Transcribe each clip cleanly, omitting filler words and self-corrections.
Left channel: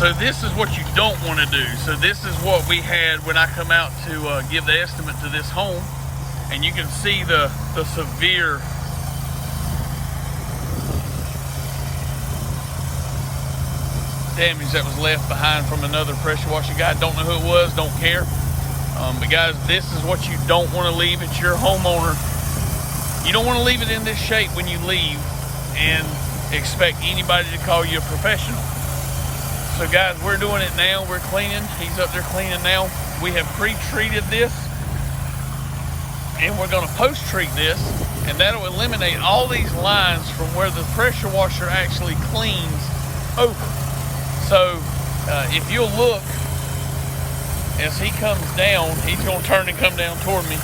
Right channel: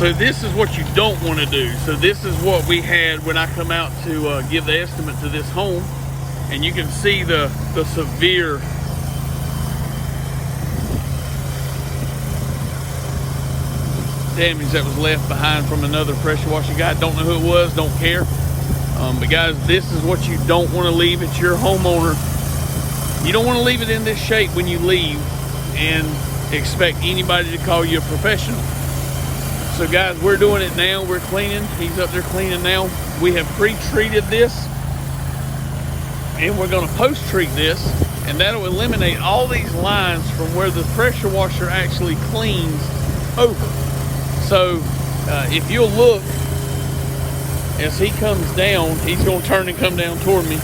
So this is what you don't want to do. So this is what we had when I come out to give the estimate to this home. And you can see the severe damage that was left behind from another pressure washer guy. Don't know who it was, don't care. But guys, this is what you don't want to leave at your homeowner. You don't want to leave it in this shape when you leave and expect anybody to call you a professional. So guys, we're doing it now. We're cleaning. He's up there cleaning now. We have pre-treated this, and we're going to post-treat this, and that'll eliminate all these lines from where the pressure washer actually cleans over. So if you'll look, as he comes down, he's going to turn and come down toward me.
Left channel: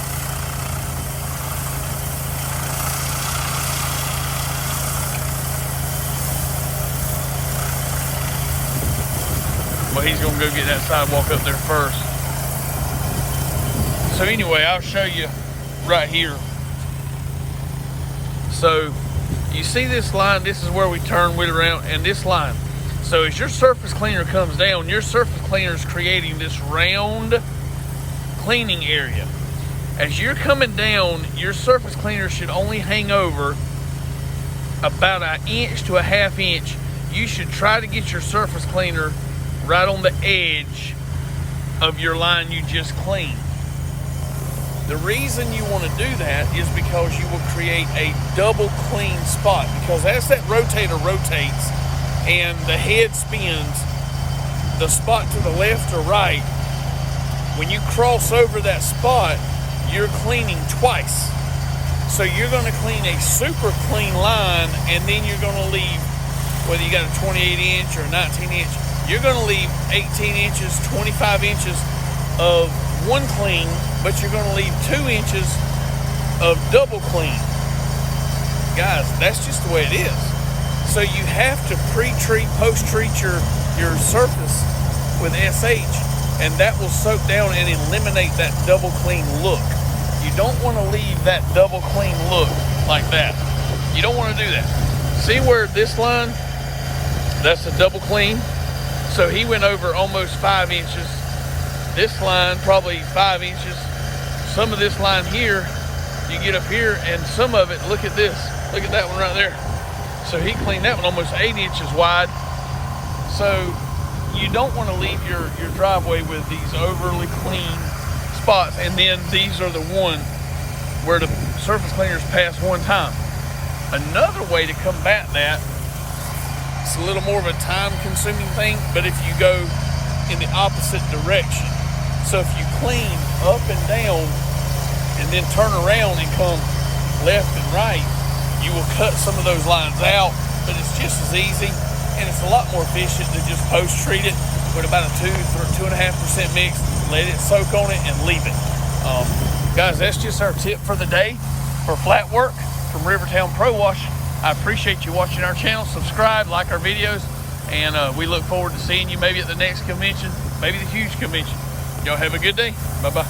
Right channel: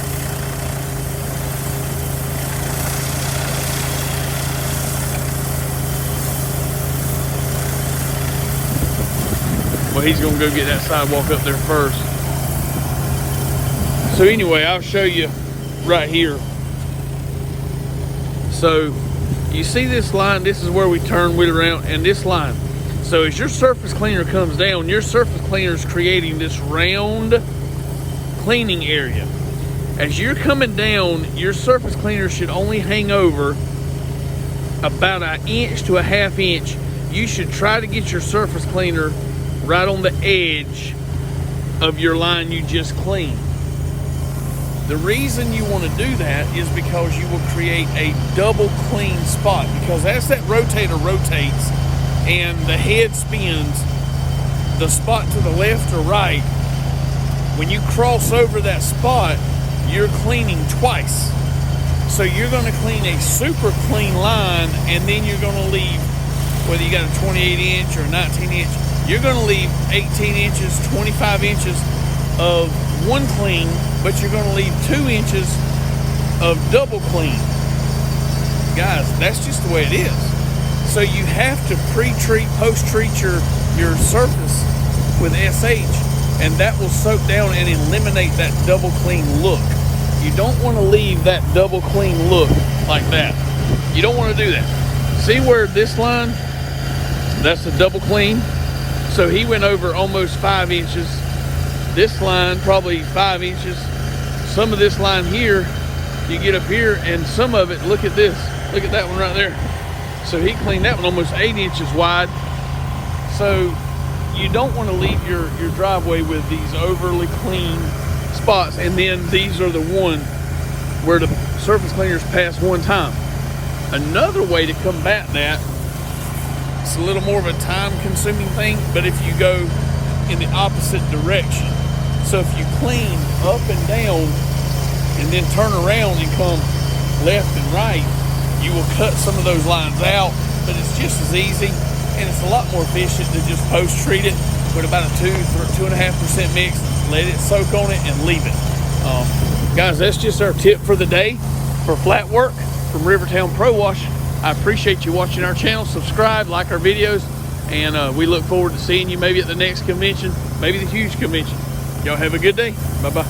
Well, he's going to go get that sidewalk up there first. So anyway, I'll show you right here. So you see this line, this is where we turn wheel around, and this line. So as your surface cleaner comes down, your surface cleaner is creating this round cleaning area. As you're coming down, your surface cleaner should only hang over about 1 inch to 1/2 inch. You should try to get your surface cleaner right on the edge of your line you just cleaned. The reason you want to do that is because you will create a double clean spot, because as that rotator rotates and the head spins, the spot to the left or right, when you cross over that spot, you're cleaning twice. So you're going to clean a super clean line, and then you're going to leave, whether you got a 28 inch or 19 inch, you're going to leave 18 inches, 25 inches of one clean, but you're going to leave 2 inches of double clean. Guys, that's just the way it is. So you have to pre-treat, post-treat your surface with SH, and that will soak down and eliminate that double clean look. You don't want to leave that double clean look like that. You don't want to do that. See where this line, that's a double clean. So he went over almost 5 inches. This line, probably 5 inches. Some of this line here, you get up here, and some of it, look at this. Look at that one right there. So he cleaned that one almost 8 inches wide. So you don't want to leave your driveway with these overly clean spots. And then these are the one where the surface cleaners pass one time. Another way to combat that, it's a little more of a time-consuming thing, but if you go in the opposite direction. So if you clean up and down and then turn around and come left and right, you will cut some of those lines out, but it's just as easy, and it's a lot more efficient to just post-treat it with about a 2.5% mix, let it soak on it, and leave it. Guys, that's just our tip for the day for flat work from Rivertown Pro Wash. I appreciate you watching our channel. Subscribe, like our videos, and we look forward to seeing you maybe at the next convention, maybe the Hughes convention. Y'all have a good day. Bye-bye.